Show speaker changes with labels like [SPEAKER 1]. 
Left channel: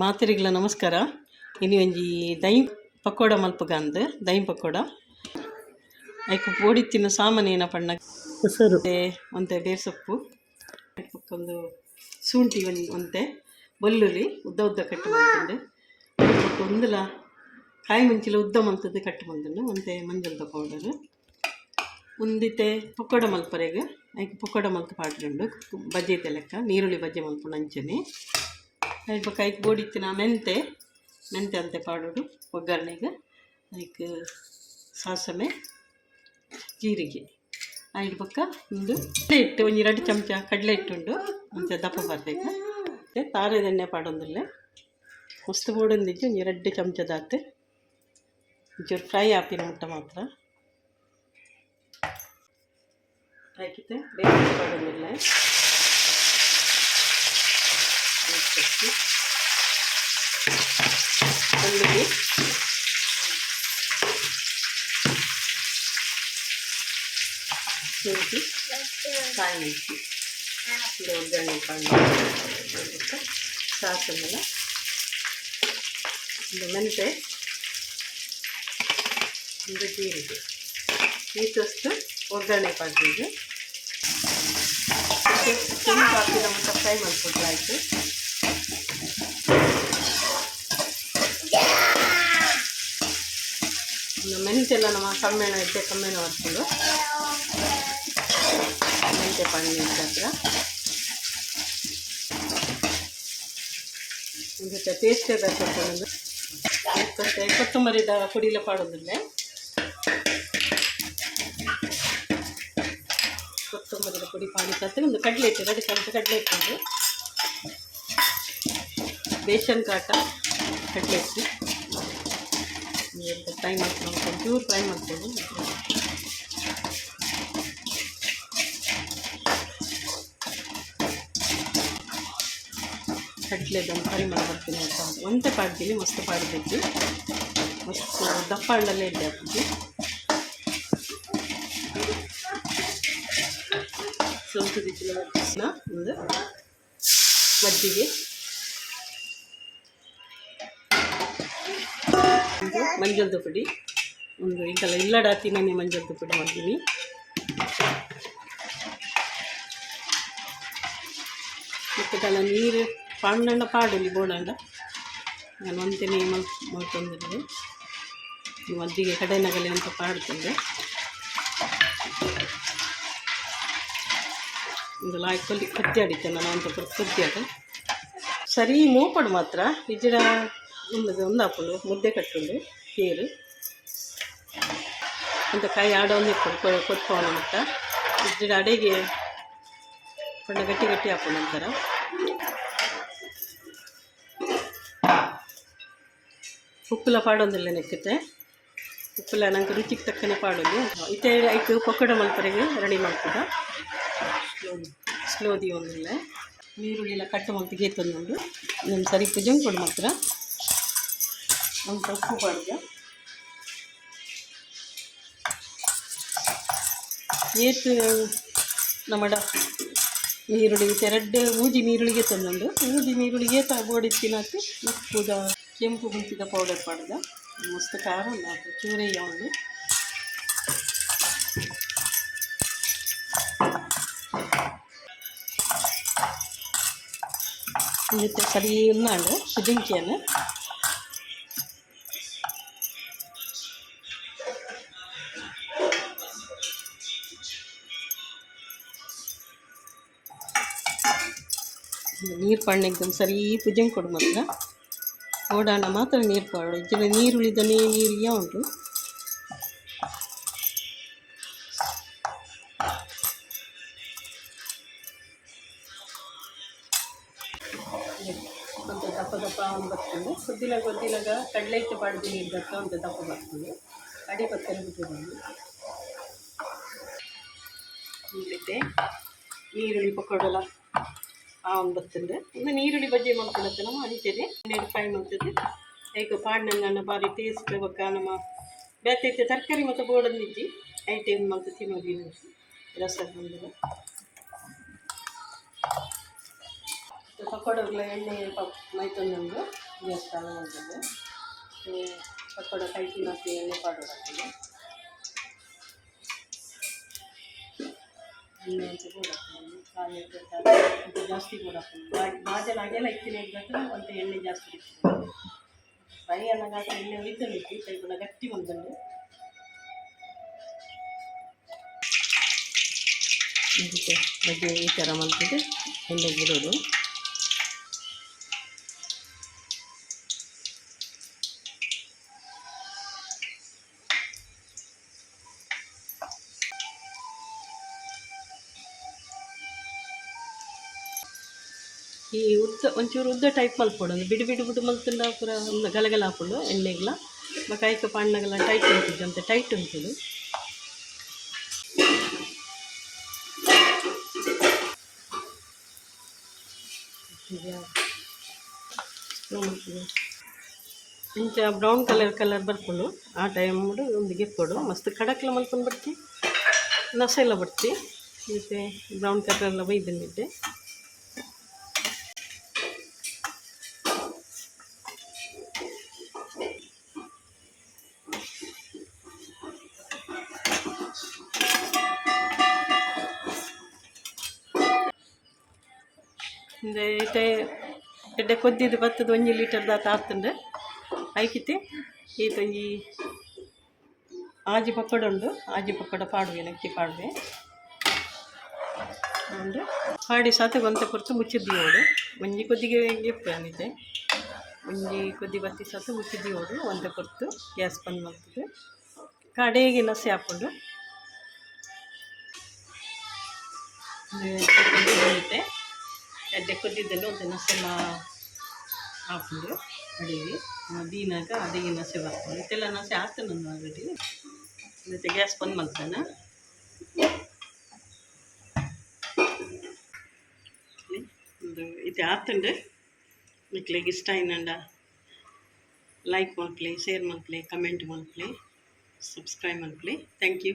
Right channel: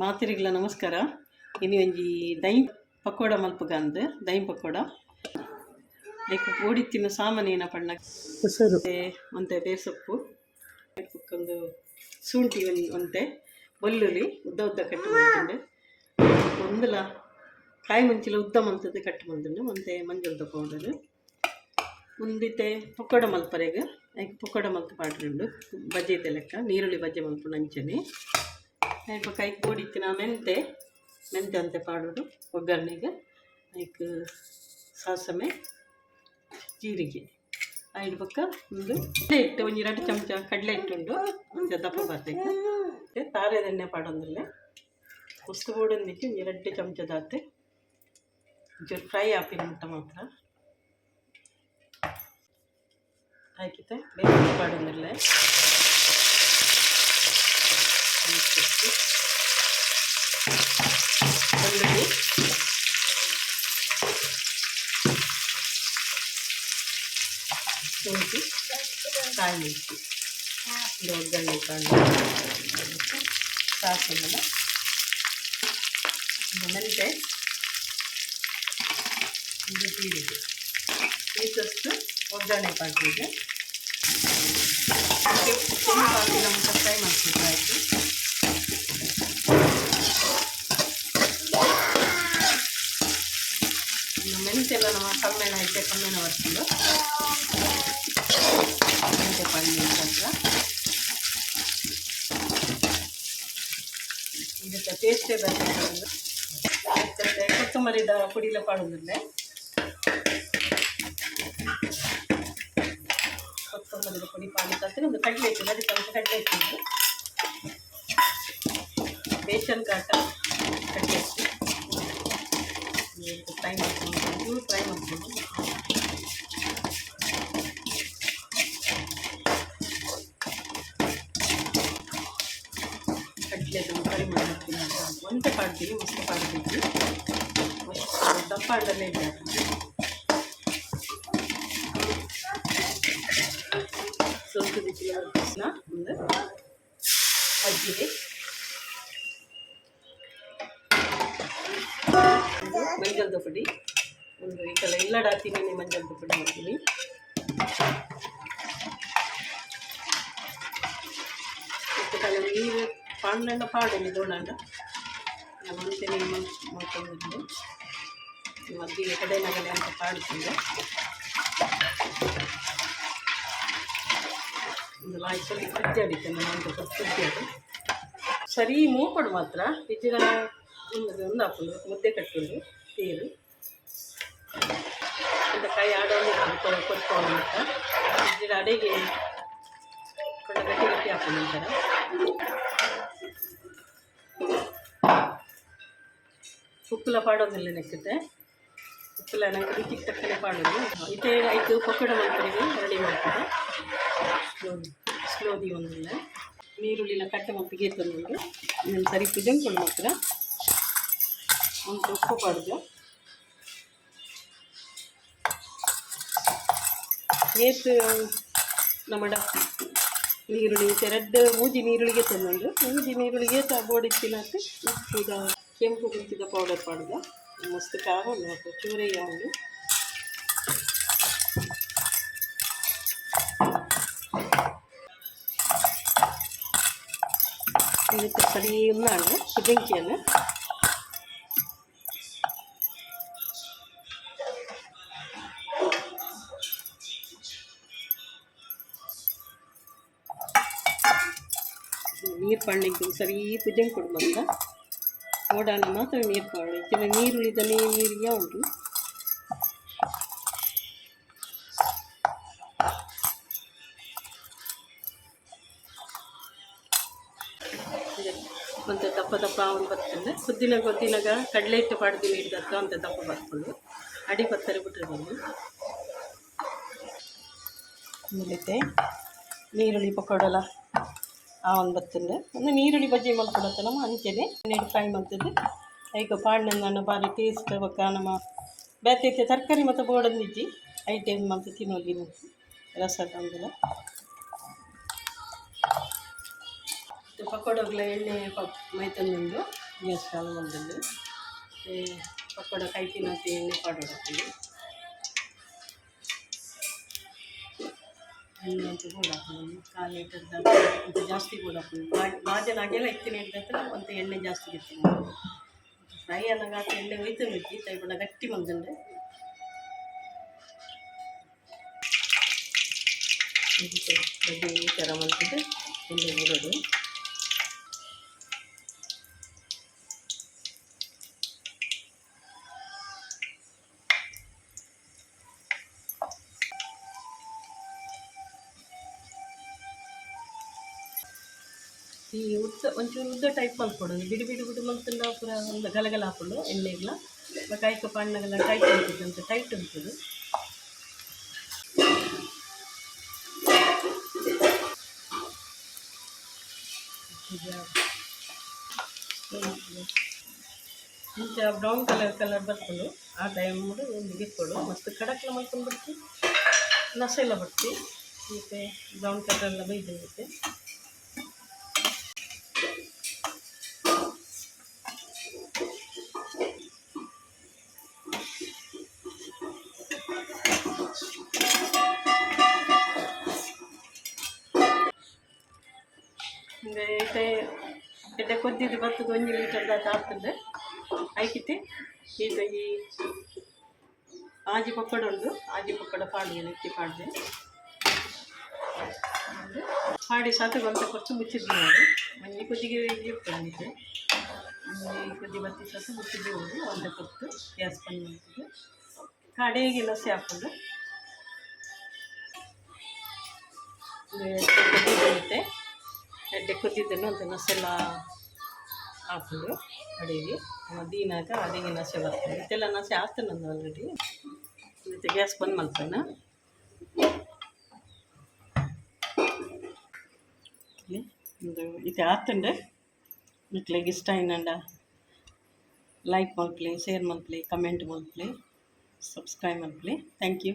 [SPEAKER 1] ಮಾತಿರಿಗ್ಲ ನಮಸ್ಕಾರ. ಇನ್ನು ಒಂಜಿ ದೈ ಪಕೋಡ ಮಲ್ಪಗ ಅಂದ್ ದೈ ಪಕೋಡ. ಐಕ್ ತಿನ್ನೋ ಸಾಮಾನು ಏನಪ್ಪ ಪಂಡ
[SPEAKER 2] ಹೆಸರು?
[SPEAKER 1] ಒಂತೆ ಬೇಸೊಪ್ಪು ಒಂದು ಶುಂಠಿ ಒಂದು ಒಂತೆ ಬಲ್ಲುಲಿ ಉದ್ದ ಉದ್ದ ಕಟ್ಟು ಬಂದುಂಡು ಒಂದುಲ ಕಾಯಿ ಮುಂಚಿಲ ಉದ್ದ ಮಂತದ್ದು ಕಟ್ಟು ಬಂದುಂಡು ಒಂತೆ ಮಂಜಲ್ದ ಪೌಡರ್ ಒಂದಿತ್ತೆ ಪಕೋಡ ಮಲ್ಪರೆಗೆ. ಐಕ್ ಪಕೋಡ ಮಲ್ತು ಪಾಡ್ರುಂಡು ಬಜ್ಜೆ ಲೆಕ್ಕ ನೀರುಳ್ಳಿ ಬಜ್ಜೆ ಮಲ್ಪುಂಡು ಅಂಚನೆ. ಐಕ್ ಕೈಕ್ ಬೋಡಿತ್ತಿನ ಮೆಂತೆ ಮೆಂತೆ ಅಂತೆ ಪಾಡೋಡು ಒಗ್ಗರಣೆಗೆ. ಐಕ್ ಸಾಸಮೆ ಜೀರಿಗೆ. ಐದು ಪಕ್ಕ ಒಂದು ಕಡಲೆ ಹಿಟ್ಟು ಒಂಜಿ ಎರಡು ಚಮಚ ಕಡಲೆ ಇಟ್ಟುಂಡು ಮುಂಚೆ ದಪ್ಪ ಬರ್ತೈತೆ ಮತ್ತೆ ತಾರೆದ ಎಣ್ಣೆ ಪಾಡೊಂದಲ್ಲೇ ಹೊಸ್ತು ಬೋಡೊಂದಿಚ್ಚಿ ಒಂದು ಎರಡು ಚಮಚ ದಾತೆ. ಒಂಚೂರು ಫ್ರೈ ಆಪಿನ ಮುಟ್ಟ ಮಾತ್ರ. ಹಾಕಿತೆ ಬೇರೆ ಪಾಡೊಂದಲ್ಲೇ ಬೆಳ್ಳುಳ್ಳಿ ಶುಂಠಿ ಕಾಯಿ ಮೆಣಸು ಇದು ಒಗ್ಗರಣೆ ಕಾಳು ಸಾಸನ್ನೆಲ್ಲ ಒಂದು ಮೆಂತೆ ಒಂದು ಜೀರಿಗೆ ಈಚಷ್ಟು ಒಗ್ಗರಣೆ ಕಾಟಿಗೆ ಫ್ರೈ ಮಾಡ್ಕೊಂಡು ಆಯಿತು ಮೆಂತೆಲ್ಲ ನಮ್ಮ ಕಮ್ಮೆಣ ಐತೆ ಕಮ್ಮೆಣ ಬರ್ಕೊಂಡು ಮೆಂತೆ ಪಣ್ಣೆ ಹತ್ರ ಇದಕ್ಕೆ ಟೇಸ್ಟೇ ಬರ್ತದೆ ಮತ್ತೆ ಕೊತ್ತಂಬರಿದ ಪುಡಿಲ ಪಾಡೋದಿಲ್ಲ ಕೊತ್ತಂಬರಿದ ಪುಡಿ ಪಾಡಿ ತತ್ತೆ ಒಂದು ಕಡಲೆ ಇಟ್ಟು ಎರಡು ಚಮಚ ಕಡಲೆ ಇಟ್ಟಿದ್ದು ಬೇಸನ್ ಕಾಟ ಕಡಲೆ ಇಟ್ಟು ಫ್ರೈ ಮಾಡ್ಕೊಂಡು ಚೂರು ಫ್ರೈ ಮಾಡ್ಕೊಂಡು ಕಟ್ಲೆದ ಫ್ರೈ ಮಾಡ್ತೀನಿ ಅಂತ ಒಂತ ಕಾಡ್ತೀನಿ ಮಸ್ತ್ ಕಾಡ್ಬೇಕು ಮಸ್ತ್ ದಪ್ಪ ಹಣ್ಣಲ್ಲೇ ಇದೆ ಹಾಕಿದ್ವಿ ಸ್ವಲ್ಪ ದಿಕ್ಕಿನ ತಕ್ಷಣ ಒಂದು ಮಜ್ಜಿಗೆ ಇದು ಮಂಜಲ್ ಪುಡಿ ಒಂದು ಇದೆಲ್ಲ ಇಲ್ಲಡ ಹಾಕ್ತೀನಿ ಮಂಜಲ್ ಪುಡಿ ಮಾಡ್ತೀನಿ ಮತ್ತು ಕಲ ನೀರು ಪಾಂಡಂಡ ಪಾಡಲಿ ಬೋಡಂಡ ನಾನು ಒಂತೇನೆ ಮಾಡ್ಕೊಂಡಿದ್ದೆ ಮದ್ದಿಗೆ ಕಡೆನಗಲೆ ಅಂತ ಪಾಡ್ಕೊಂಡೆ. ಒಂದು ಲಾಯ್ಕಲ್ಲಿ ಕತ್ತಿ ಅಡಿತೆ ನಾನು ಅಂತ ಕತ್ತಿ ಅದು ಸರಿ, ಮೂಪಡು ಮಾತ್ರ. ಇಜ್ಜಿಡ ಮುದ್ದೆ ಕಟ್ಟುಂಡು ನೀರು ಇಂಥ ಕೈ ಆಡೋದು ಕೊಡ್ಕೊಳ್ಳೋ ಕೊಡ್ಕೊಳ್ಳೋ ಅಂತ. ಇಜ್ಜಿಡ ಅಡೆಗೆ ಕೊಂಡ ಗಟ್ಟಿ ಗಟ್ಟಿ ಹಾಕೊಂಡು ನಂತರ ಉಪ್ಪುಲ ಪಾಡೋದಿಲ್ಲ ನೆಕ್ಕತ್ತೆ. ಉಪ್ಪುಲ ನಂಗೆ ರುಚಿಗೆ ತಕ್ಕನೆ ಪಾಡೋದು. ಇದೇ ಆಯಿತು, ಪಕೋಡ ಮಂತ್ರಿಗೆ ರೆಡಿ ಮಾಡ್ತದೆ ಸ್ಲೋ ಸ್ಲೋದಿ ಒಂದಿಲ್ಲ ನೀರುಳ್ಳಿಲ್ಲ ಕಟ್ಟ ಮತ್ತು ತಂದು ನಾನು ಸರಿ ಪೂಜೆ ಕೊಡು ಮಾತ್ರ ಒಂದು ಉಪ್ಪು ಪಾಡ್ಗ ಏತು ನಮ್ಮಡ ನೀರುಳ್ಳಿ ಎರಡು ಮೂಜಿ ನೀರುಳ್ಳಿಗೆ ತಂದುಂಡು ಮೂಜಿ ನೀರುಳ್ಳಿಗೆ ತ ಬೋಡಿ ತಿನ್ನಕ್ಕೆ ಉಪ್ಪುದ ಕೆಂಪು ಗುಂತಿದ ಪೌಡರ್ ಪಾಡ್ದ ಮಸ್ತ್ ಖಾರ ಉಂಡು ಹಾಕು ಚೂರಯ್ಯ ಉಂಡು എന്നിട്ട് പടി ഒന്നാണ് ನೀರು ಪಣ್ಣೆಗೆ ಒಂದು ಸರಿ ಪೂಜೆಗೆ ಕೊಡು ಮಾತ್ರ ಓಡಾಣ ಮಾತ್ರ ನೀರು ಪಾಡು. ಇದರ ನೀರು ಉಳಿದನೇ ನೀರಿಗೆ ಉಂಟು. ಮತ್ತು ದಪ್ಪ ದಪ್ಪ ಅವನು ಬರ್ತದೆ. ಸುದ್ದಿನ ಗೊತ್ತಿನಾಗ ಕಡಲೆ ಹಿಟ್ಟು ಪಾಡ್ದು ನೀಡಿದತ್ತ ಅಂತ ದಪ್ಪ ಬರ್ಕೊಂಡು ಅಡಿ ಪತ್ತರೆ ಬಿಟ್ಟರೆ ಬಂದು. ಮುಗಿತೆ. ನೀರುಳ್ಳಿ ಪಕೋಡಲ್ಲ ಆ ಒಂದು ಬರ್ತದೆ. ಒಂದು ನೀರುಳ್ಳಿ ಬಜ್ಜಿ ಮಾಡ್ಕೊಳತ್ತೆ ನಮ್ಮ ಅಂಚೆನೆ ಹನ್ನೆರಡು ಫ್ರೈ ಮಾಡ್ತದೆ. ಐಕ ಪಾಡ್ನ ಬಾರಿ ಟೇಸ್ಟ್ ಬಕ್ಕ ನಮ್ಮ ಬೇತೈತೆ ತರಕಾರಿ ಮತ್ತು ಬೋಡಂದಿಜ್ಜಿ ಐಟಮ್ ಮತ್ತು ತಿನ್ನೋದಿನ ರಸ ತಂದ್ರೆ. ಪಕೋಡಗಳ ಎಣ್ಣೆ ಪ ಮೈ ಮಾಡಿದ್ರೆ ಪಕೋಡ ಕೈ ತಿನ್ನೋತಿ ಎಣ್ಣೆ ಹಾಕಿದೆ ಎಣ್ಣೆ ಅಂತ ಕೂಡ ಹಾಕೊಂಡು ಕಾಲು ಲೀಟರ್ ಅಂತ ಜಾಸ್ತಿ ಕೂಡ ಹಾಕೊಂಡು ಬಾಜಲ್ ಹಾಗೆಲ್ಲ ಇತ್ತಿನ ಇದ್ದತ್ರ ಒಂದು ಎಣ್ಣೆ ಜಾಸ್ತಿ ಇರ್ತೀನಿ ಫ್ರೈ ಅನ್ನಗಾಕ ಎಣ್ಣೆ ಒಯ್ತು ಬಿಟ್ಟು ಕೈ ಬಣ್ಣ ಗಟ್ಟಿ ಬಂದಂಡೆ ಈ ಥರ ಮಾಡ್ತಿದ್ದೆ ಎಣ್ಣೆ ಬಿಡೋದು. ಈ ಉದ್ದ, ಒಂಚೂರು ಉದ್ದ ಟೈಪ್ ಮಲ್ಕೊಡೋದು ಬಿಡಿ ಬಿಡಿ ಬಿಟ್ಟು ಮಲ್ತಂಡ ಪೂರ ಒಂದು ಗಲಗಲ ಹಾಕೊಂಡು ಎಣ್ಣೆಗ್ಲ ಕಾಯ್ಕ ಪಾಣ್ಣಗೆಲ್ಲ ಟೈಟ್ ಅಂತ ಟೈಟ್ ಉಂಟು ಇಂಚ ಬ್ರೌನ್ ಕಲರ್ ಕಲರ್ ಬರ್ಕೊಂಡು ಆ ಟೈಮ್ ಒಂದು ಗಿಫ್ಕೊಡು ಮಸ್ತ್ ಕಡಕ್ಲ ಮಲ್ಕೊಂಡು ಬರ್ತಿ. ನಸ ಎಲ್ಲ ಬರ್ತಿ. ಮತ್ತು ಬ್ರೌನ್ ಕಲರ್ ಎಲ್ಲ ಬೈದಂಡಿದ್ದೆ ಇತ್ತೆ ಎಡ್ಡೆ ಕೊದ್ದಿದ್ದು ಬತ್ತದ ಒಂಜಿ ಲೀಟರ್ ದಾತ ಆಗ್ತಂಡೆ. ಐಕಿತ್ತೆ ಈ ಆಜಿ ಪಕ್ಕಡ ಉಂಡು ಆಜಿ ಪಕ್ಕಡ ಪಾಡುವೆ, ನಕ್ಕಿ ಪಾಡುವೆ. ಉಂಡು ಪಾಡಿ ಸಾತ ಗೊಂತ ಕೊರ್ಚು ಮುಚ್ಚಿದ್ದಿ ನೋಡು ಒಂಜಿ ಕೊದ್ದಿಗೆ ಇಪ್ಪಂದಿದ್ದೆ ಒಂಜಿ ಕೊದ್ದಿ ಬತ್ತಿ ಸಾತ ಮುಚ್ಚಿದ್ವಿ ನೋಡು ಒಂದ ಕೊರ್ತು ಗ್ಯಾಸ್ ಬಂದ್ ಮಾಡ್ತದೆ ಕಡೆಗೆ ನಸೆ ಬರುತ್ತೆ ಎಡ್ಡೆ ಕೊದ್ದಿದ್ದನ್ನು ಒಂದು ನಸೆಲ್ಲ ಹಾಕೊಂಡು ಅಡಿಗೆ. ದೀನಾಗ ಅಡಿಗೆ ನಸೆ ಬರ್ತದೆ. ಇದೆಲ್ಲ ನಸೆ ಹಾಕ್ತಾನೆ ನಾನು ಆಲ್ರೆಡಿ ಮತ್ತು ಗ್ಯಾಸ್ ಬಂದ್ ಮಾಡ್ತಾನೆ ಇದು ಆತಂಡೆ ಮಕ್ಳಿಗೆ ಇಷ್ಟ ಏನಂಡ ಲೈಕ್ ಮಾಡ್ಲಿ ಶೇರ್ ಮಾಡ್ಲಿ ಕಮೆಂಟ್ ಮಾಡ್ಲಿ ಸಬ್ಸ್ಕ್ರೈಬ್ ಮಾಡ್ಲಿ ಥ್ಯಾಂಕ್ ಯು